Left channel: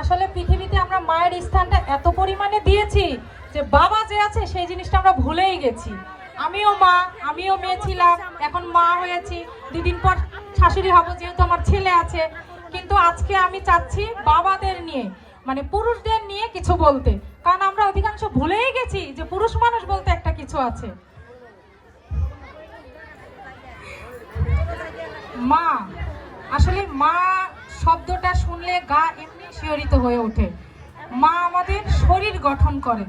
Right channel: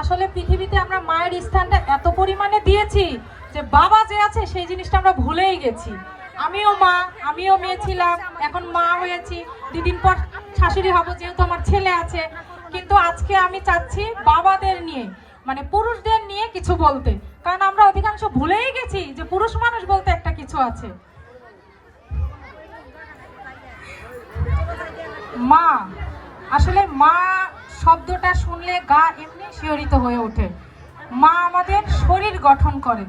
আসলে পৃথিবীতে আমরা মায়ের স্থানটা এত পরিমাণে দিয়েছি যে বাবা যে আছে সেই জিনিসটা আমরা ভুলেই গেছি। আমিও মা, আমিও মেয়ে ছিলাম, এখন মা হয়েছি, দুদিন পর শাশুড়ি হব যেহেতু আমার ছেলে আছে। কিন্তু আজকে আমি চাচ্ছি বাবাদের নিয়ে, মানে পুরুষদের নিয়ে কিছু বলতে, কারণ আমরা অধিকাংশ ভুলেই গেছি যে পুরুষ মানুষ বলতে একটা কিছু আছে। মা, আসলে মা শব্দটা শুনলে গা এমনি শিহরিত হয়ে ওঠে। মা আমাদের শরীর গঠন করে,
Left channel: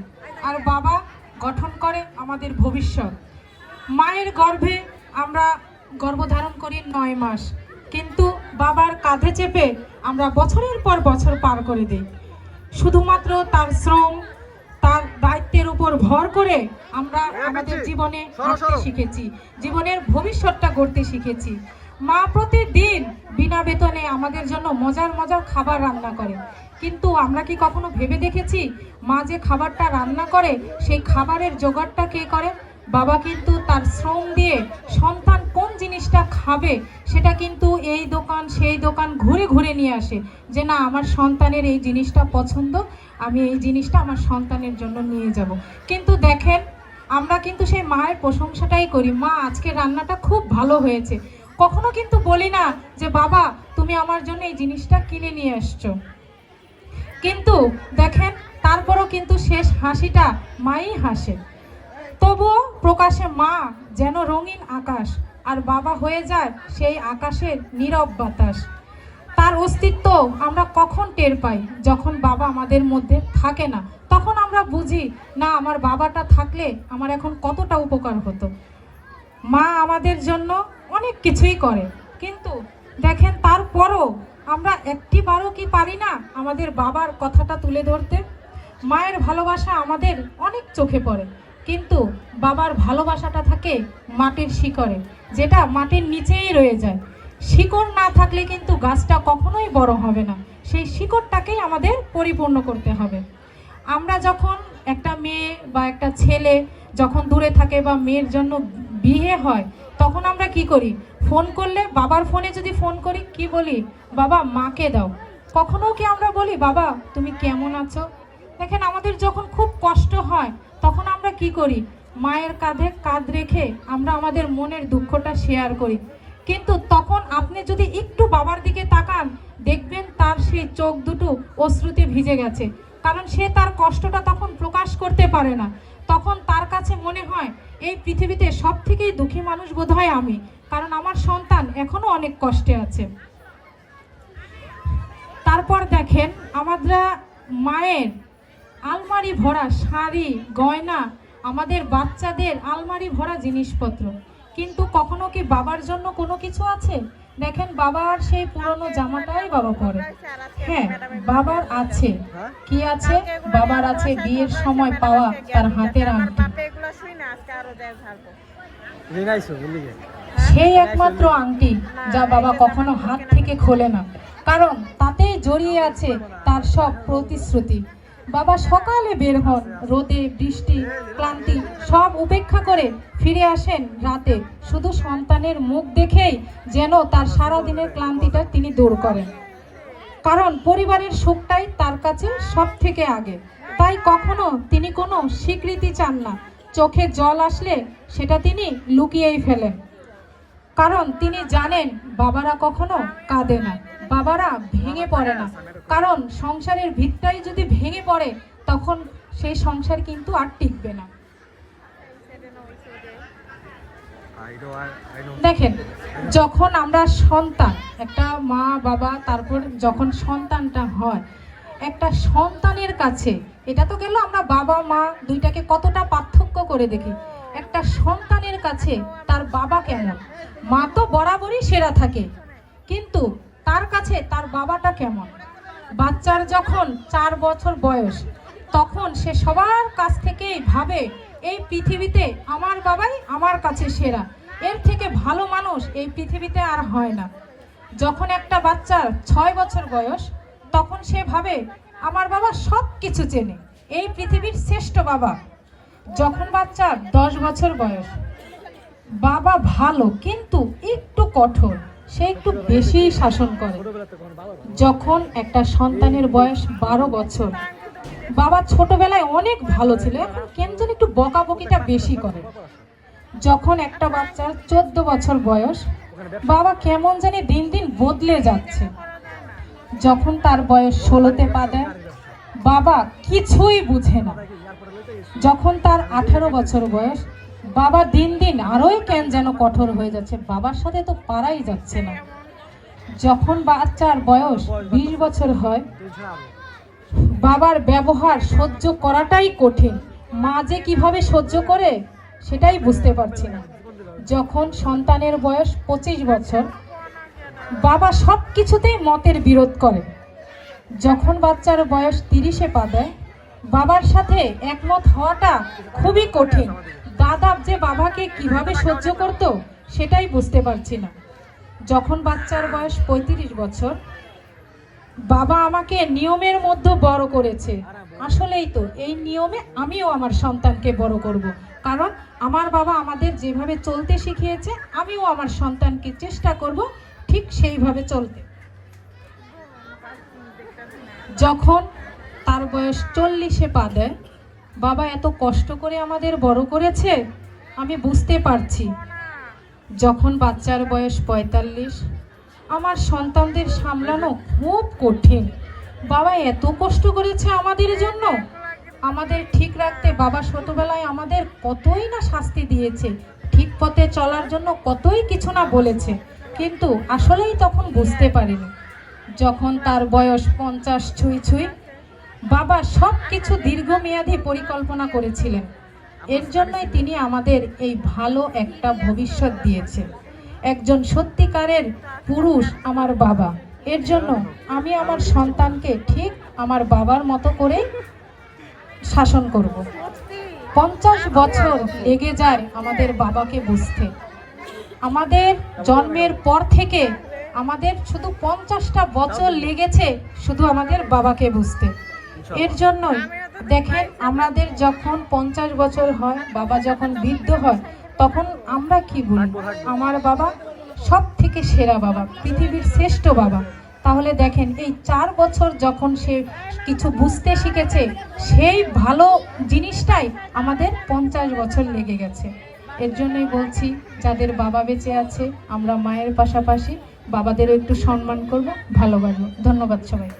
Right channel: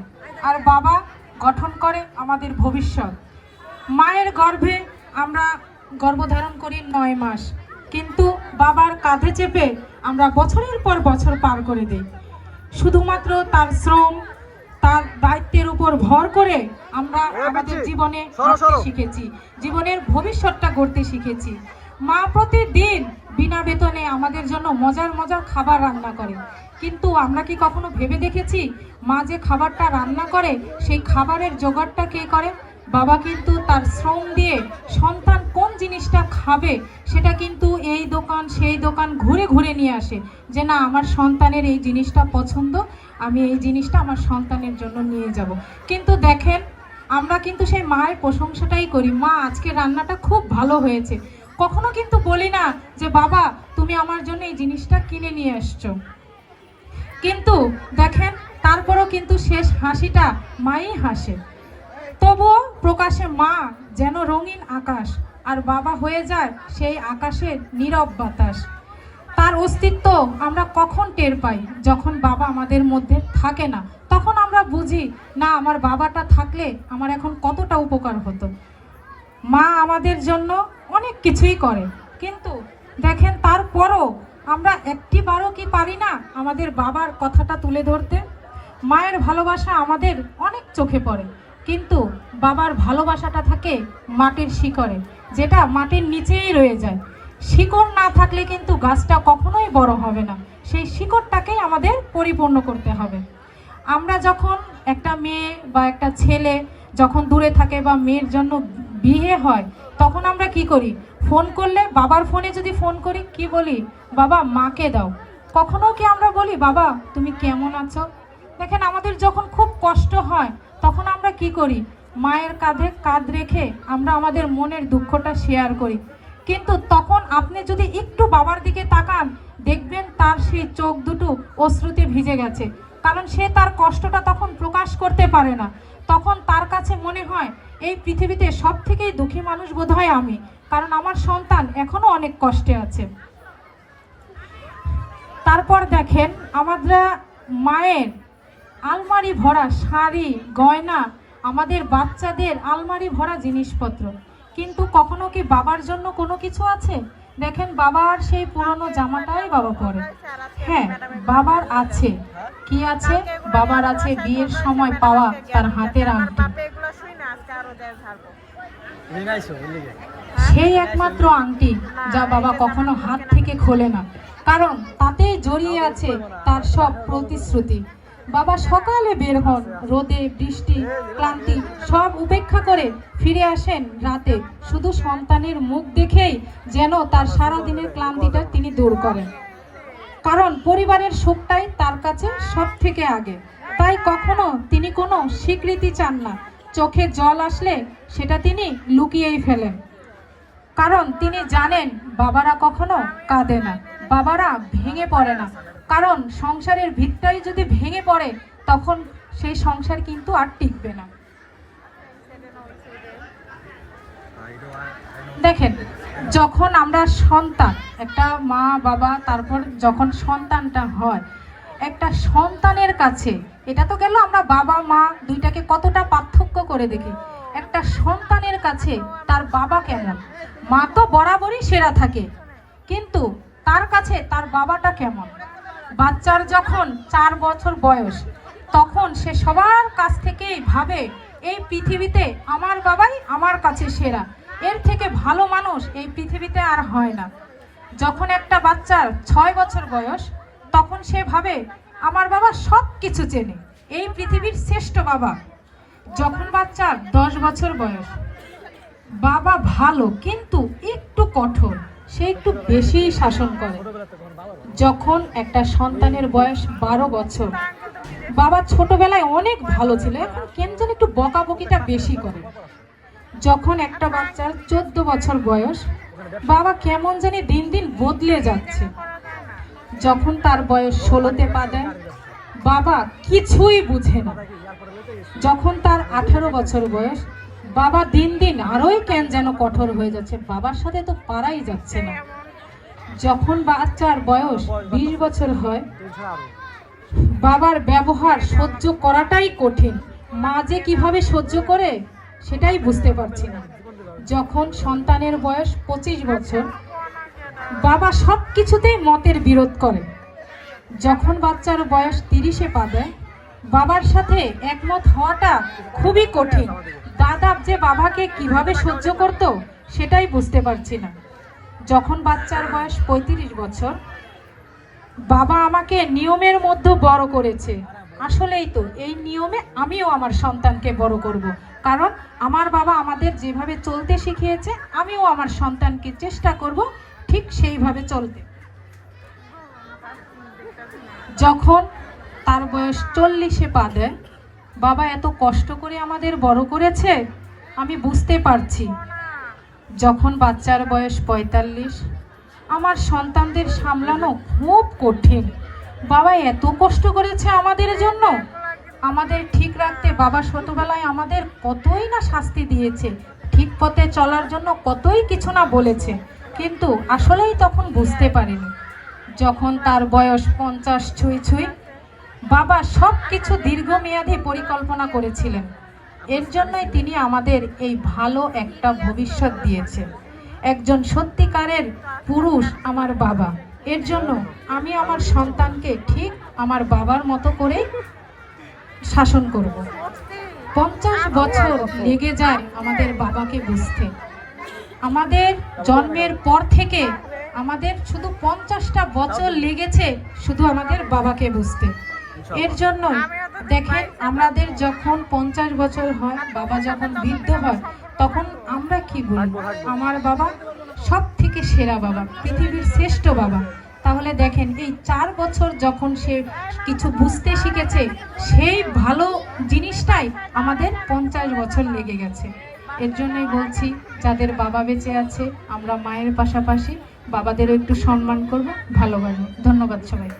আর বাবা গঠন করে আমাদের ভবিষ্যৎ। মায়ের গর্ভে আমরা গর্ভধারণ করি ৯ মাস, কিন্তু বাবার কাঁধে চেপে আমরা বছরের পর বছর পার করে দিই। শুধুমাত্র তার শ্রম, তার দায়িত্বের উপর ভর করে আমরা আমাদের জীবনে হাঁটতে শিখেছি, জীবনের ভবিষ্যৎটা গড়তে শিখেছি। মা প্রতিদিন বিনা বেতনে আমাদের জন্য মজার মজার খাবার রান্না করে, কিন্তু আমরা কি কখনো ভেবে দেখেছি মা যে খাবারটা রান্না করে সেই খাবারের জোগাড়টা কে করে? বাবা কিন্তু তার শ্রম দিয়ে সন্তান কোন জিনিসটা খাবে সেটা কিন্তু এই দোকান সেই দোকান ঘুরে ঘুরে নিয়ে আসে, যে না আমার সন্তানের এই জিনিসটা পছন্দ, আমি এই জিনিসটা আমার সন্তানের জন্য নিয়ে যাব। কিন্তু দেখেন, আমরা কিন্তু সেই মায়ের প্রশংসাটাই করি, মা আজকে রান্নাটা খুব ভালো হয়েছে। কখনো কিন্তু বলি না যে বাবা তুমি আমার জন্য এই জিনিসটা কিনে নিয়ে আসছো। কিন্তু দেখেন, তারপরও কিন্তু শেষ হাসিটা মাই হাসে। তবুও প্রকাশে মা যেন রঙিন আকাশ, আর বাবা হয়ে যায় সেই আকাশের নীরব বাতাস। তার অস্তিত্ব আমরা কখন টের পাই? যখন বাবা আমাদের মধ্যে থাকে না, তখন আমরা বুঝি না আমার বাবাটা থাকলে আমার এখন কতটা উপকার হতো। মা আমাদের জন্য অনেক কিছুই করে, কিন্তু দেখেন তারপরও আমরা একটিবারও কি পারি না আমাদের বাবার কথাটা তুলে ধরতে? মায়ের ভালোবাসা আমাদের অনেক চোখে পড়ে, কিন্তু বাবার ভালোবাসাটা থাকে মাটির শিকড়ে, যেটা মাটির নিচেই রয়ে যায়। শিকড় না থাকলে কিন্তু গাছটা কখনোই বড় হবে না, সেই শিকড়টাকেই আমাদের পরিপূর্ণ করতে হবে। আমরা যখন একটা মেয়ে বা একটা ছেলে যখন দূরে থাকে বা মেয়ের জন্য বিয়ে হয়, তখন আমরা কি করি? ফোন করলে, বাবার ফোনে যদি ফোন করি, কি বলি? বাবা মাকে দাও। কখনো কি আমরা বলি বাবা তুমি কেমন আছো? দেখেন, আমাদের যখন খুব কষ্ট হয় তখন আমরা কি করি? মায়ের কাঁধে কাঁধ রেখে আমরা আমাদের মনের দুঃখটা শেয়ার করি। কিন্তু তখন আপনি যদি একটু বাবার দিকে তাকান, দেখবেন তার সেই চোখ দুটো অশ্রুতে ভিজে গেছে, কারণ সে তার কষ্টটা তখন প্রকাশ করতে পারে না। তখন তার কাছে মনে হয় এই পৃথিবীতে সব থেকেই দুঃখী মানুষ বোধহয় আমি, কারণ আমার সন্তান এখনো অনেক কষ্টে আছে। তারপর দেখেন, আমরা মায়ের আলমারি ভরা শাড়ি গয়না, আমাদের বাচ্চাদের আলমারি ভরা জিনিসপত্র, কিন্তু কখনো কি বাবার জন্য কোনো কিছু আছে? দেখেন, বাবার সেই পুরনো জামাটাই বাবা পরে। হ্যাঁ, বাবার আছে, কি আছে? বাবার আছে বিয়ের সময় পাওয়া তার হাতের আংটি, সেই একমাত্র আংটি যা বাবা কখনো হাত থেকে খোলে না, কারণ তাতেই জড়িয়ে আছে তার সব প্রতিশ্রুতি। বাবা সকালে বের হন, রোদে বৃষ্টি ক্লান্তি সব উপেক্ষা করে ফিরে আসেন রাতে, শুধু সন্তানের মুখ দেখেই যেন তার সারা দিনের ক্লান্তিটা তিনি দূর করেন, কারণ পরিবারের সুখটাই তার কাছে সব থেকে আগে। তাই কখনো তিনি কোনো স্বীকৃতি চান না, চোখে জল আসলে সেটা তিনি লুকিয়েই ফেলেন, কারণ তিনি জানেন বাবারা কখনো কাঁদে না, বাবারা ভেঙে পড়ে না, কারণ সংসারের ভিতটাই যদি ভেঙে পড়ে তখন সেই সংসার কিন্তু আর টিকবে না। দেখেন, যখন আমরা সন্তান, একটা মা বাবা, তারপর যখন সন্তানটা হয়, একটা সন্তানের কাছে, এটা তো গেল আমরা বাবা মা দুইটাকে কতটা পার্থক্য করে দেখি, একটা সন্তানের কাছে তার বাবা কেমন? মা তো বরাবরই সেরা থাকে, কিন্তু তার কাছে তার বাবাটা কেমন? বাচ্চার যখন 4 বছর বয়স, তখন সে সবার কাছ থেকেই ভাবে এই পৃথিবীতে আমার বাবাই আমার কাছে সেরা, এর থেকে ভালো মানুষ এই পৃথিবীতে আর হয় না। যখন একটা বাচ্চার 6 বছর বয়স, তখন সে ভাবে আমার বাবা সব কিছু চেনে, এই পৃথিবীর শ্রেষ্ঠ বাবা। যখন বাচ্চার 10 বছর বয়স, বাবা ভালো কিন্তু একটু কঠোর, সে একটু বেশি শাসন করে। যখন একটা সন্তানের বয়স 12 বছর, বাবা ছোটবেলায় অনেক ভালো ছিল, এখন কেন যেন একটু বকাবকিটা বেশি করে। যখন একটা বাচ্চার 14 বছর বয়স, বাবা কেমন জানি দিন দিন বদলে যাচ্ছে। যখন তার বয়স 16তে পা দেয়, বাবা কিছুই বুঝে না। যখন তার 18 বছর বয়স, বাবা দিন দিন আরোই কেন যেন কঠোর হয়ে যাচ্ছে, বাবার সাথে তো পারাই যাচ্ছে না। যখন বাচ্চার বয়স 20 বছর হয়, বাবার ব্যবহার সহ্য করাটাই কঠিন। মা যে কিভাবে সহ্য করে সেটাই বুঝতে পারছি না। যখন সন্তানের বয়স 25 বছর, বাবা সব কিছুতেই মতের বিরোধ করে। যখন বাচ্চার বয়স 30-এ পা দেয়, বাবার সাথে একমত হওয়াটা খুবই কঠিন। দাদা যে বাবাকে কিভাবে সহ্য করত সেটাই বুঝতে পারছি না। যখন বাচ্চার বয়স 35 বছর, বাবা আমাকে নিয়মের মধ্যে বড় করেছে। আসলেই তো এই নিয়মে আমিও আমার সন্তানকে বড় করব, কারণ আমার বাবা আমাদের যেভাবে চলতে শিখিয়েছে, আমিও আমার সন্তানকে চেষ্টা করব ঠিক সেইভাবে চলতে। যখন তার বয়স 40-এ পা দেয়, বাবা এত কষ্ট করে আমাদের বড় করেছে, আমি বুঝতে পারছি। যখন বাচ্চার বয়স 45, আমার সন্তানদের সামলানো খুব কঠিন। বাবা এত কষ্ট করেছে আমাদের জন্য, আমাদের ঠিক রাখতে বাবা ছোটবেলায় আমাদের কতই না শাস্তি দিয়েছে, ঠিক পথে চলার জন্য কতই কিছু না বলেছে, কিন্তু আসলেই তখন বুঝতে পারিনি। যখন তার বয়স 50 ছুঁই ছুঁই, বাবা সব কিছু দীর্ঘমেয়াদী পরিকল্পনা করেছিলেন। এর জন্যই তিনি আমাদের এই ভালো একটা ভবিষ্যৎ দিয়েছেন। একজন সত্যিকারের পুরুষ আমার বাবা। এর জন্য আমি আমার সন্তানকে ঠিক আমার বাবার মতো করেই শাসন করব। 50 বছর লেগে যায় আমাদের বাবাকে বুঝতে। আমাদের জন্মের পর থেকে আমাদের শুধু 50টা বছর লেগেছে শুধু আমাদের বাবাকে বুঝতে। এর জন্য দেখেন, আমাদের যখন 50 বছর হয়, বাবা যখন বৃদ্ধ হয়, তখন আমরা কি বলি, আমার বাবা সব থেকে সেরা বাবা, পৃথিবীর শ্রেষ্ঠ বাবা। তাহলে দেখেন, এই 4 বছর যখন সে কিছু বুঝতে শিখেছে, সেই ভালো জিনিসটাই আমাদের 50 বছর লেগে গেছে। এর জন্যই বলছি, যাদের বাবা বেঁচে আছে, আমরা মায়ের পাশাপাশি বাবাদেরও একটু সম্মান করব, ভালোবাসবো। ধন্যবাদ সবাই।